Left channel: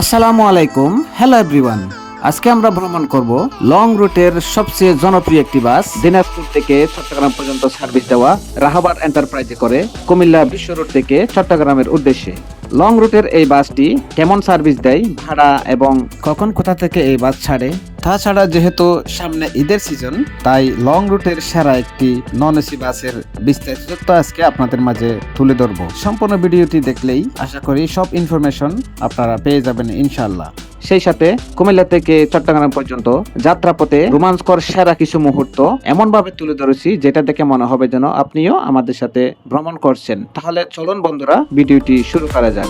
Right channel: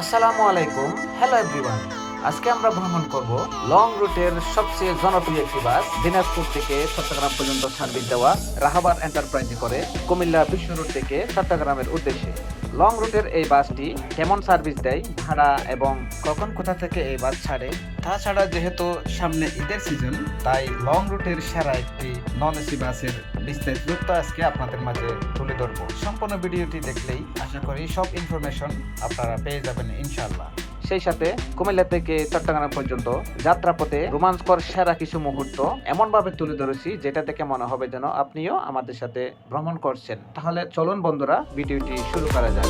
আসসালামু আলাইকুম। Hello everyone. আজকে আমরা ভ্রমণ করব লং রুটের সবচেয়ে জনপ্রিয় একটি বাস, দিনাজপুর থেকে চট্টগ্রাম পর্যন্ত সার্ভিস দেওয়া রাহাবার এন্টারপ্রাইজে করে কুমিল্লা বিশ্ব রোড থেকে চট্টগ্রামের উদ্দেশ্যে। লং রুটের এই বাসটি কেমন সার্ভিস দেয়, ভাড়া এবং কখন কোথা থেকে এই বাস ছাড়ে, তাছাড়া যেহেতু সামনে ঈদের সিজন, তাই লং রুটের সেরা একটি নন এসি বাসের বিস্তারিত তথ্য আজকে আপনাদের মাঝে তুলে ধরবো। সম্পূর্ণ ভিডিওটি দেখলেই আশা করি সব ইনফরমেশন আপনারা পেয়ে যাবেন ইনশাআল্লাহ। সেই সাথে কুমিল্লা থেকে চট্টগ্রাম পর্যন্ত যাত্রাপথে রোমাঞ্চকর সেরা কিছু মুহূর্ত এমন ভাবে তুলে ধরেছি যেটা দেখে মনে হবে যেন আপনিও আমাদের সাথে ভ্রমণ করছেন। তাহলে চলুন বন্ধুরা, ভিডিওটি শুরু করা যাক।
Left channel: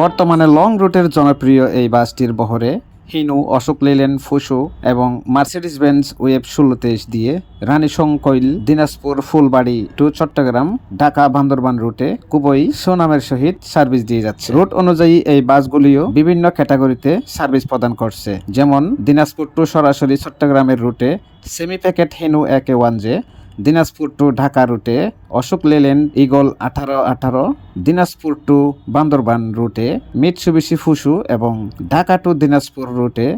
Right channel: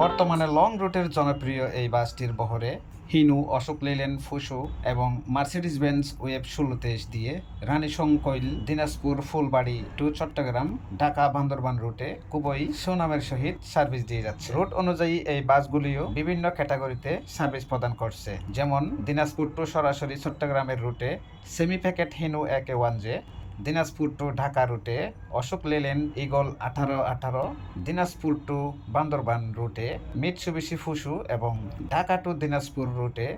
বর্তমানে লং রুটের জনপ্রিয় এই বাসটির বহরে হিনু, অশোক লেল্যান্ড, ফুসু এবং মার্সিডিজ বেঞ্জ ওয়েব 1623 দিয়ে রানীশংকৈল, দিনাজপুর, ফুলবাড়ি টু চট্টগ্রাম, ঢাকা, বান্দরবান রুটে খুবই সুনামের সহিত সার্ভিস দিয়ে যাচ্ছে। রুট অনুযায়ী এই বাসগুলিও বিভিন্ন ক্যাটাগরিতে সার্ভিস প্রদান করছে, যেমন দিনাজপুর টু সরাসরি চট্টগ্রামের রুটে সেমি প্যাকেট হিনু একে 1J, দিনাজপুর টু ঢাকা রুটে অশোক লেল্যান্ড ইগল 1818, দিনাজপুর টু বান্দরবান রুটে মিৎসুবিশি ফুসু এবং ঢাকা টু দিনাজপুর রুটে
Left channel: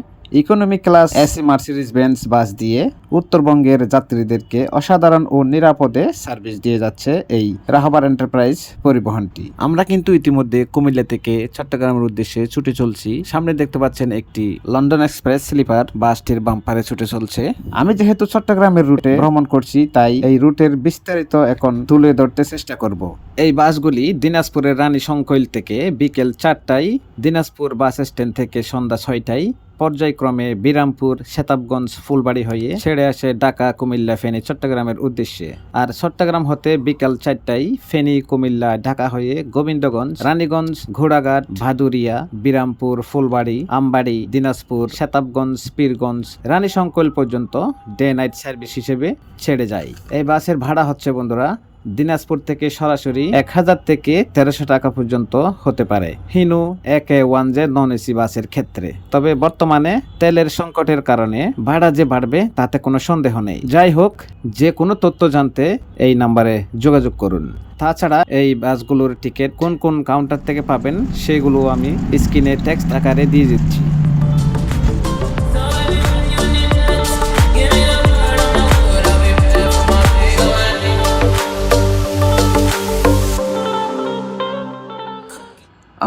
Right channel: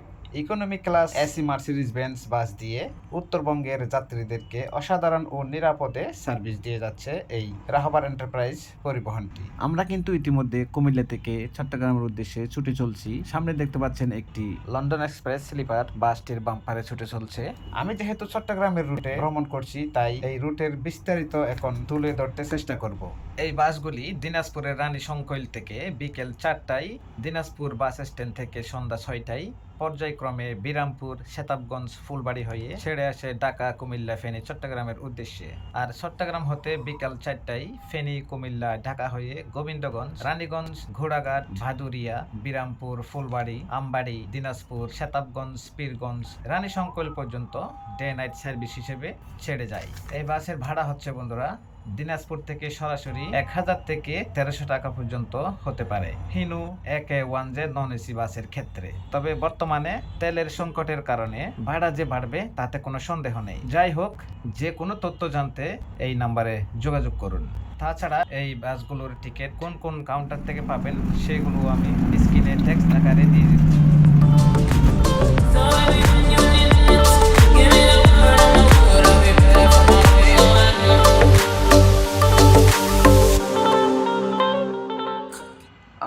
economy class AC Mercedes Benz bus দিয়ে উত্তরবঙ্গের যাত্রীদেরকে অসাধারণ ও নিরাপদে সার্ভিস দিয়ে যাচ্ছে এই রাহাবার এন্টারপ্রাইজ পরিবহনটি। আমরা কিন্তু ইতিমধ্যে কুমিল্লা থেকে চট্টগ্রামের উদ্দেশ্যে ছুটে চলছি। সামনে দেখতে পাচ্ছেন একটি লন্ডন এক্সপ্রেস স্লিপার, বাসটির বাম্পারে ছুটে চলছে। আমি যেহেতু চট্টগ্রামের রুটে ভ্রমণ করছি, তাই এই রুটের বিস্তারিত এখন তুলে ধরতে চেষ্টা করব। এই বাসগুলি দিনাজপুরের রানীশংকৈল থেকে বিকেল 4টায়, দিনাজপুর বাস স্ট্যান্ড থেকে সন্ধ্যা 6টায় পর্যায়ক্রমে বিরামপুর, সেতাবগঞ্জ, ফুলবাড়ি হয়ে ছেড়ে আসে ঢাকা, কুমিল্লা, ফেনী, চট্টগ্রামের উদ্দেশ্যে। আর চট্টগ্রাম হতে বিকাল 4টায় ফেনী, কুমিল্লা, ঢাকা হয়ে গোবিন্দগঞ্জ, রানীগঞ্জ, ঘোড়াঘাট, ভাদুরিয়া, বিরামপুর, ফুলবাড়ি, আমবাড়ি, দিনাজপুর, সেতাবগঞ্জ, পীরগঞ্জ, রানীশংকৈল পর্যন্ত ডে নাইট সার্ভিস হিসেবে ছেড়ে যায়। এই বাসের ভাড়া হচ্ছে বন্ধুরা দিনাজপুর থেকে সরাসরি 1000 থেকে 1300 টাকা পর্যন্ত হতে পারে হিনু একে 1J নন এসি বাসের ক্ষেত্রে। তবে বর্তমানে তেলের সংকটের কারণে ভাড়া যে বাড়বে তাতে কোনো সন্দেহ নেই। যাই হোক, যে কোনো তথ্য জানতে এই নাম্বারে যোগাযোগ করুন। তাছাড়া এই বাসগুলোর টিকিট কোন কোন কাউন্টার থেকে পাবেন সেগুলো আমি স্ক্রিনে টেক্সট আকারে দিয়ে দিচ্ছি।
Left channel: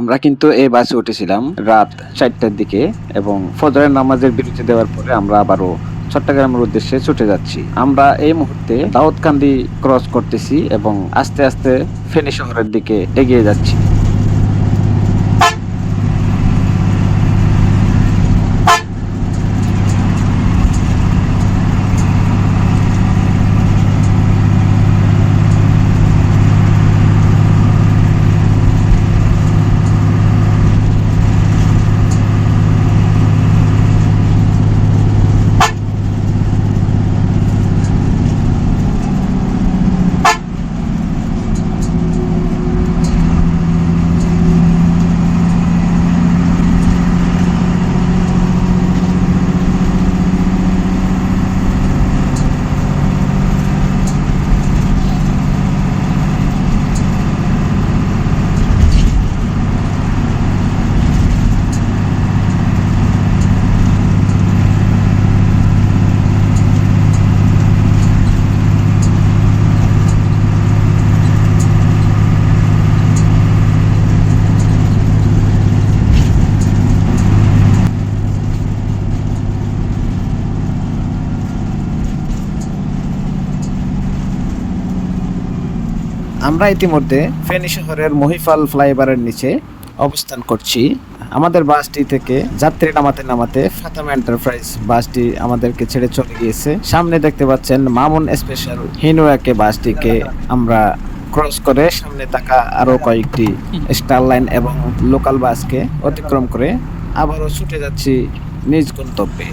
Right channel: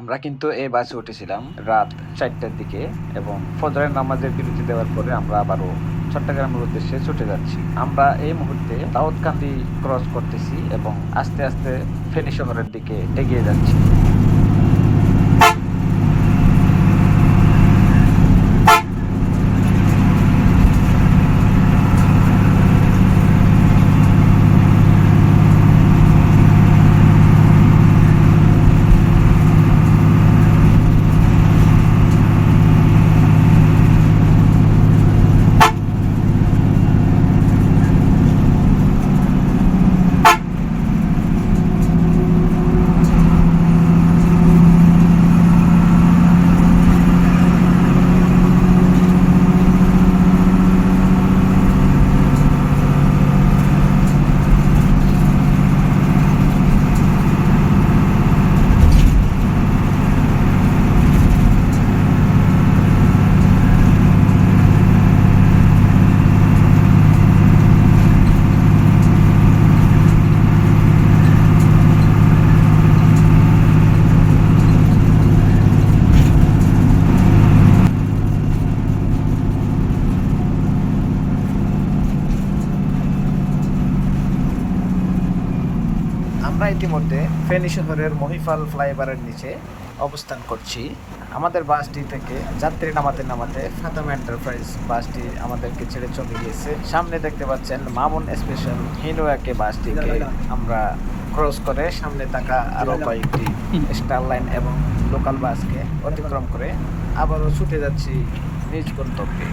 আমরা কিন্তু এই বাসে উঠেছিলাম রাত 4টার দিকে এবং ফজরের নামাজের বিরতি দেওয়ার পরে আমরা আবারও চট্টগ্রামের উদ্দেশ্যে ছুটে যাচ্ছি। আমরা এই মুহূর্তে দাউদকান্দি ক্রস করতেছি এবং আস্তে আস্তে ফেনী শহরের দিকে এগিয়ে যাচ্ছি। আমরা ইতিমধ্যে ফেনী শহরের মহিফাল ফ্লাইওভারের নিচে অবস্থান করছি। আমাদের বাসটি থেকে যাত্রী নামাতে নামাতে ফাতেমা এন্টারপ্রাইজ বাসটি আমাদেরকে ছেড়ে চলে গিয়েছে। সামনে দেখতে পাচ্ছেন মামুন স্পেশাল হিনু একে বাসটিকে আমরা ক্রস করে সামনে থাকা আরো কয়েকটি স্টার লাইন এবং লোকাল বাসকে অতিক্রম করে আবারও ছুটে যাচ্ছি নিজ গন্তব্যে।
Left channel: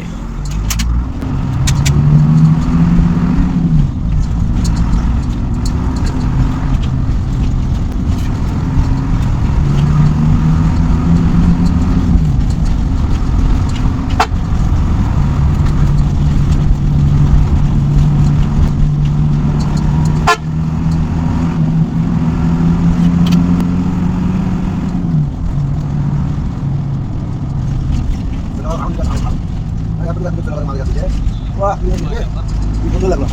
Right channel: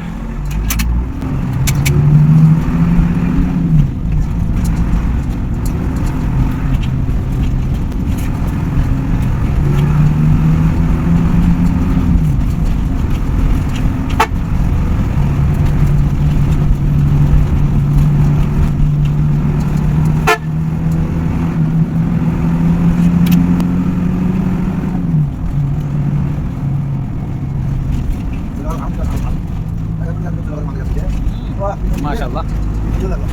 মাশাআল্লাহ সুন্দর লাগলো।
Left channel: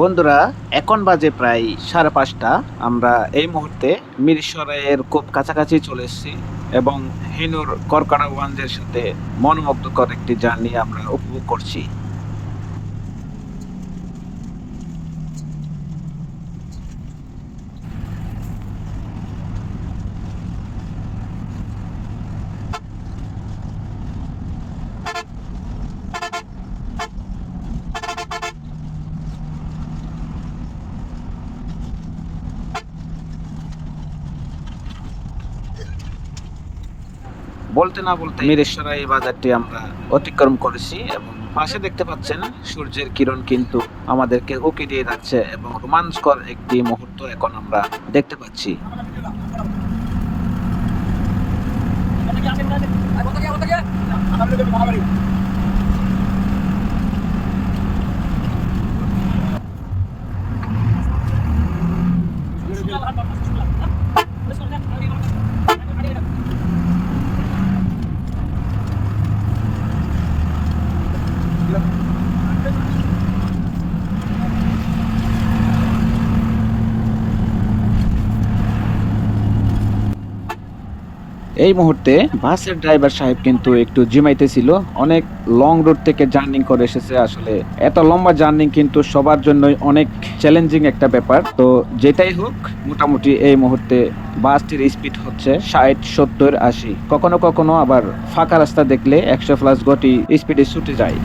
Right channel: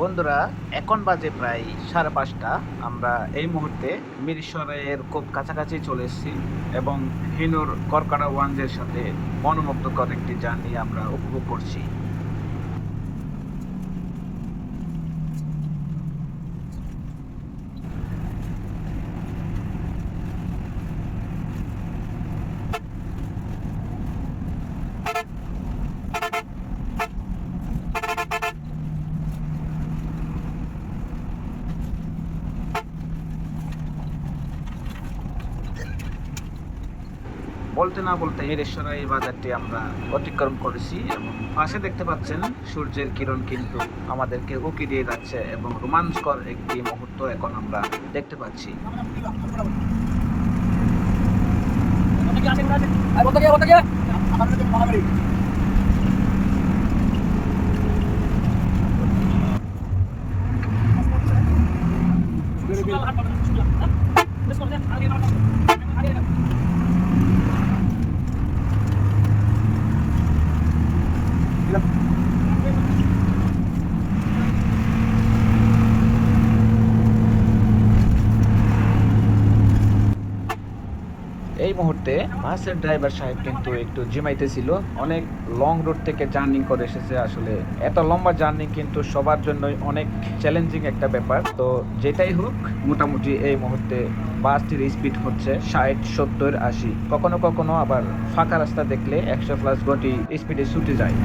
বন্ধুরা, এখন বাজে প্রায় 5:30। আমরা এই মুহূর্তে মিরসরাইয়ের খুব কাছাকাছি চলে এসেছি এবং হিনুর কর্কড়াগঞ্জের সাথে মনোমুগ্ধকর একটি জার্নি আমরা উপভোগ করছি। বলতে না বলতে মিরসরাই বাজারটি আমরা অতিক্রম করেছি এবং পাশে দেখতে পাচ্ছেন সূর্যের কিরণ কিন্তু আমাদেরকে উকি দিয়ে যাচ্ছে এবং রোমাঞ্চকর একটি মুহূর্ত এখন আমরা দেখতে পাচ্ছি। এই মুহূর্তে বাসের ড্রাইভার সাহেব কিন্তু একটু জিমাইতেছিল। অনেক লং রুট থেকে জার্নি করে এসেছে। আসলে এত লম্বা জার্নি কিন্তু সবার জন্যই অনেক চ্যালেঞ্জিং একটা ব্যাপার। তো যেটাই হোক, মোটামুটি এই মুহূর্তে বাসটির স্পিড হচ্ছে 60, 70, 80। কখনো কখনো আবার ফাঁকা রাস্তা দেখলে 100+ গতি স্পিডে ছুটে যায়।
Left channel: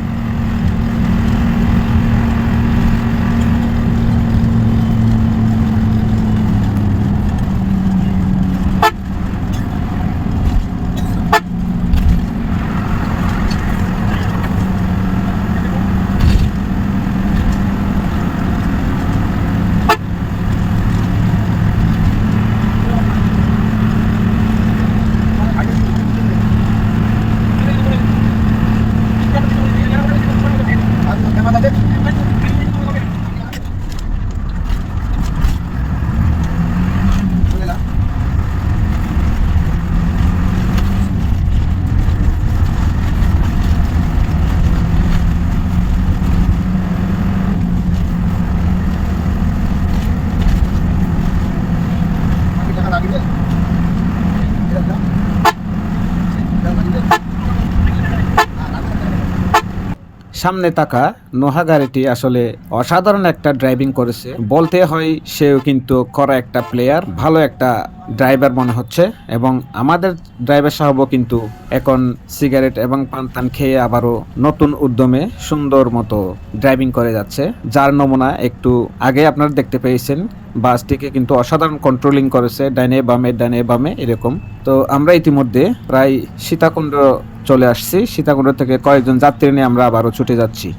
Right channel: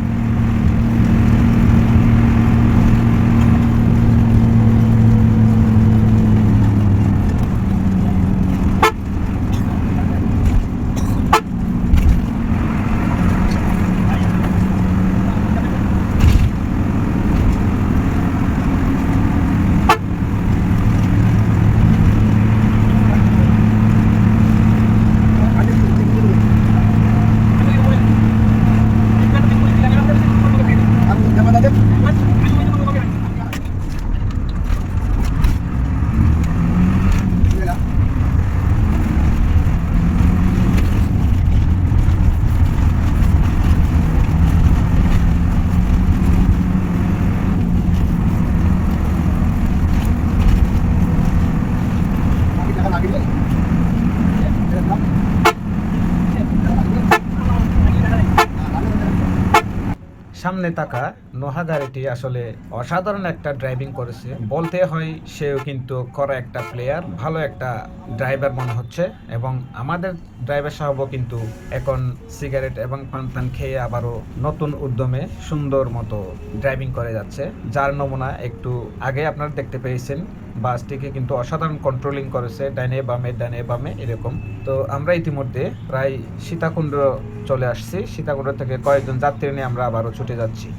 সামনে তাকা নোহা গাড়িটি আসলে অসাধারণ একটা ড্রাইভিং করেছে বলতে হয়। সেও কিন্তু করা একটা প্লেয়ার, ভালো একটা ড্রাইভার মনে হচ্ছে। এবং আমাদের ড্রাইভার সাহেবও কিন্তু এখন সিগারেট এবং পান খেয়ে আবারও নতুন উদ্যমে সুন্দর মতো ড্রাইভিং করে যাচ্ছে, যার নমুনা একটু আগে আপনারা দেখতে পেয়েছেন। বাসটিকে কিন্তু অসাধারণ কন্ট্রোলিং করেছে, ডাইনে বামে এরকম। তো আমরা ইতিমধ্যে প্রায় সীতাকুণ্ড চলে আসছি। সীতাকুণ্ড থেকে কয়েকজন যাত্রী নিয়ে আমরা আবারও ছুটে যাচ্ছি।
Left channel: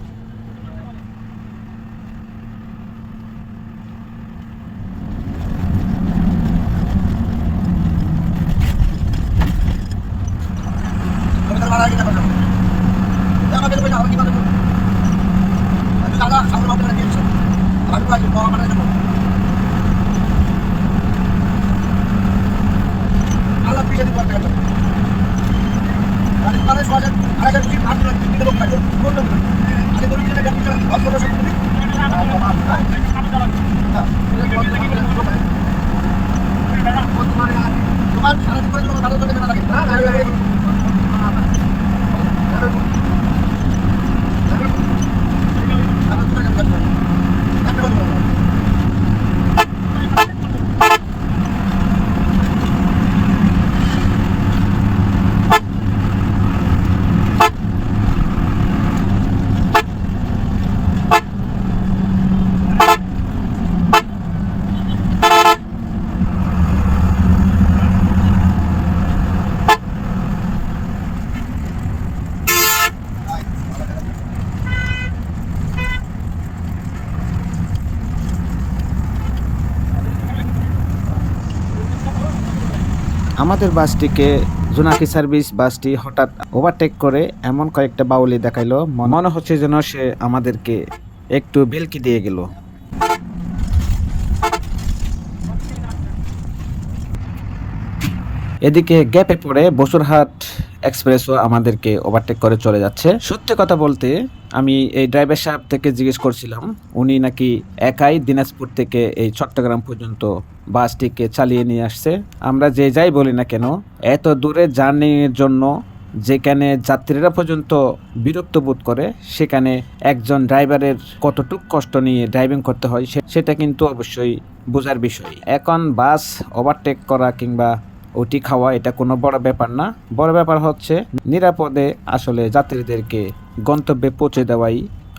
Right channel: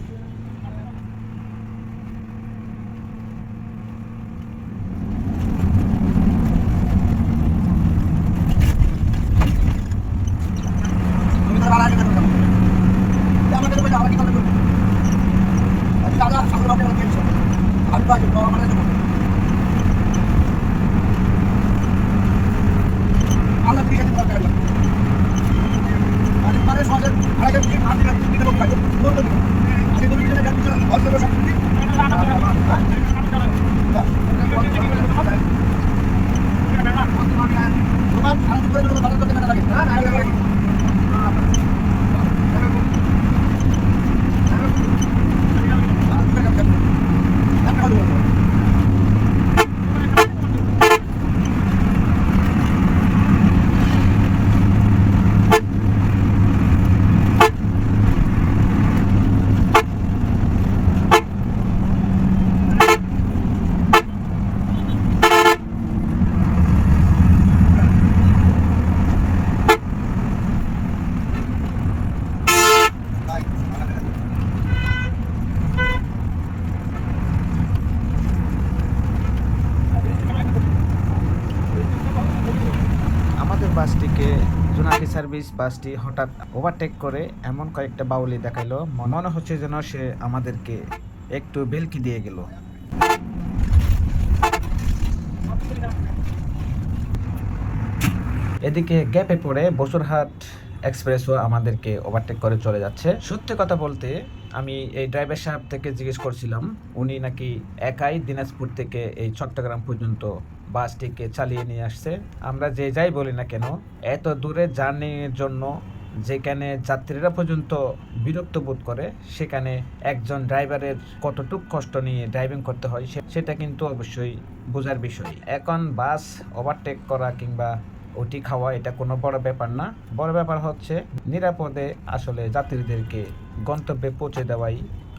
পূর্বের বাসটিকে জোনাকি সার্ভিস বাসটি হঠাৎ ওভারটেক করে এমন কয়েকটা বাউলি দেখাইলো, মনে হচ্ছে যেন সে আমাদেরকে একটু বেলকি দিয়ে গেল। এদিকে গ্যাপে পড়ে বসুরহাট এক্সপ্রেসও আমাদেরকে ওভারটেক করে চলে যাচ্ছে। সত্যি কথা বলতে আমি এই ড্রাইভার সাহেব থেকে জিজ্ঞেস করছিলাম, উনি নাকি একাই দিনাজপুর থেকে এই চট্টগ্রাম পর্যন্ত বাসটিকে চালিয়ে নিয়ে আসছে। আমরা যে যাই বলি না কেন, এত দূরে জার্নির জন্য যেখানে যাত্রীরা পর্যন্ত বিরক্ত বোধ করে, সেখানে একজন ড্রাইভারের কতটুক কষ্ট নিয়ে ড্রাইভিং করতে হয় সেটা কিন্তু অবশ্যই বোঝার বিষয়। এখন বাস ওভারটেক করা কিংবা ওটি খাওয়া এটা কোনো বড় ব্যাপার না। বড় ব্যাপার হচ্ছে নিরাপদে আসলে যাত্রীদেরকে গন্তব্যে পৌঁছে দেওয়াই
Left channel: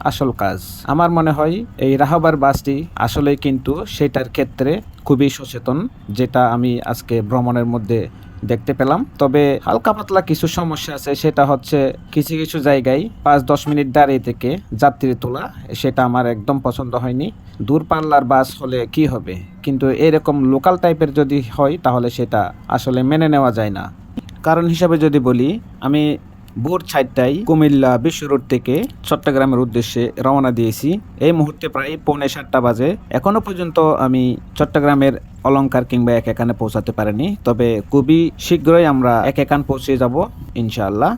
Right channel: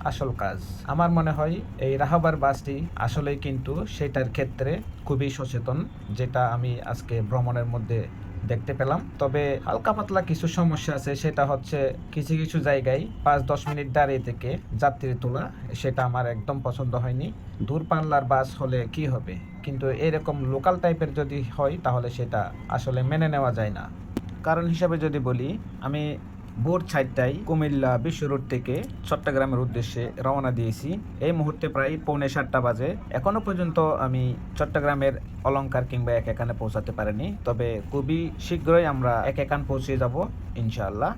আসল কাজ। আমার মনে হয় এই রাহাবার বাসটি আসলে কিন্তু সেটার ক্ষেত্রে খুবই সচেতন, যেটা আমি আজকে ভ্রমণের মধ্যে দেখতে পেলাম। তবে হালকা পাতলা কিছু সমস্যা আছে, সেটা হচ্ছে কিছু কিছু জায়গায় 5-10 মিনিট দাঁড়িয়ে থেকে যাত্রী তোলা, সেটা আমার একদম পছন্দ হয়নি। দূরপাল্লার বাস হলে কি হবে, কিন্তু এরকম লোকাল টাইপের যদি হয় তাহলে সেটা আসলে মেনে নেওয়া যায় না। কারণ হিসাবে যদি বলি, আমি ভোর 4টায় কুমিল্লা বিশ্ব রোড থেকে চট্টগ্রামের উদ্দেশ্যে রওনা দিয়েছি। এই মুহূর্তে প্রায় 6:45 বাজে। এখনো পর্যন্ত আমি চট্টগ্রামের অলংকার কিংবা একেকানে পৌঁছাতে পারিনি, তবে খুবই শীঘ্রই আমরা একেকান পৌঁছে যাব ইনশাআল্লাহ।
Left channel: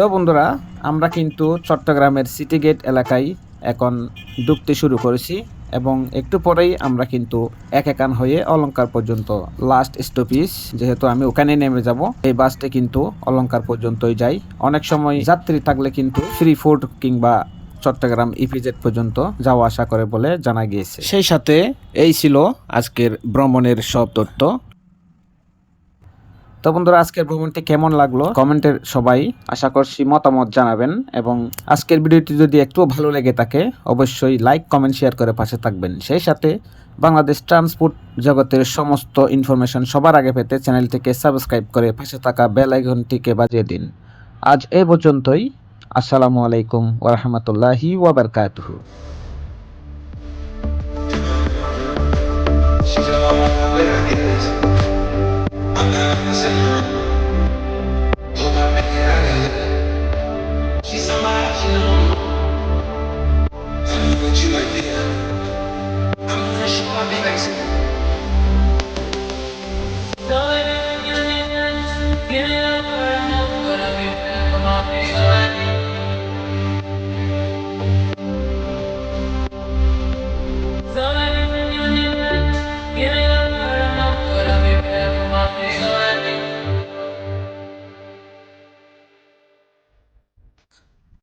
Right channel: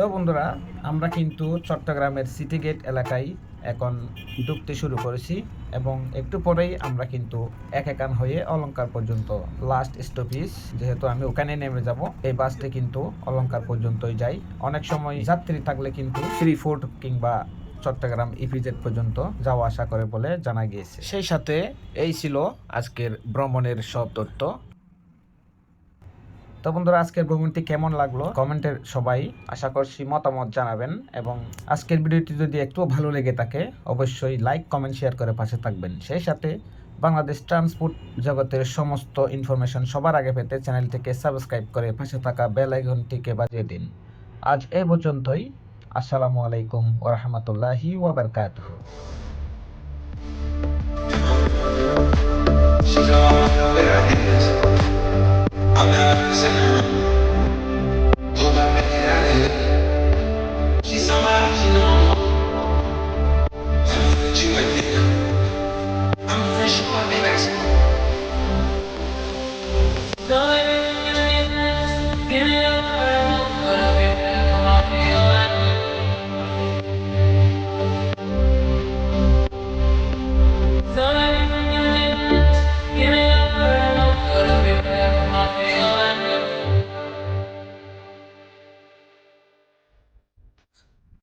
তো বন্ধুরা, আমরা কিন্তু চট্টগ্রামের সিটি গেট এলাকায় এখন ঢুকতে শুরু করেছি এবং একটু পরেই আমরা কিন্তু একেকান হয়ে অলংকার পর্যন্ত লাস্ট স্টপেজ, যেহেতু আমি ওখানে নেমে যাব। এই বাসটি কিন্তু অলংকার পর্যন্তই যায়। অনেক সময় যাত্রী থাকলে কিন্তু ফ্রি ফুড কিংবা চট্টগ্রাম ইপিজেড পর্যন্ত যাওয়া আসা করে বলে জানা গিয়েছে। সেই সাথে এই ছিল আজকের ভ্রমণের সব তথ্য। তো বন্ধুরা, আজকের ভ্রমণটি কেমন লাগলো কমেন্টের সবাই আশা করছি মতামত জানাবেন, এবং আজকের ভিডিওটি যদি একটু ভালো লেগে থাকে অবশ্যই লাইক কমেন্ট শেয়ার করে পাশে থাকবেন। সেই সাথে বাংলাদেশ ট্রান্সপোর্ট জগতের সমস্ত ইনফরমেশন সবার আগে পেতে চ্যানেলটিকে সাবস্ক্রাইব করে পাশে থাকা বেল আইকনটিকে বাজিয়ে দিন। আজ এই পর্যন্তই। আসসালামু আলাইকুম ওয়া রাহমাতুল্লাহি ওয়া বারাকাতুহু। I'm not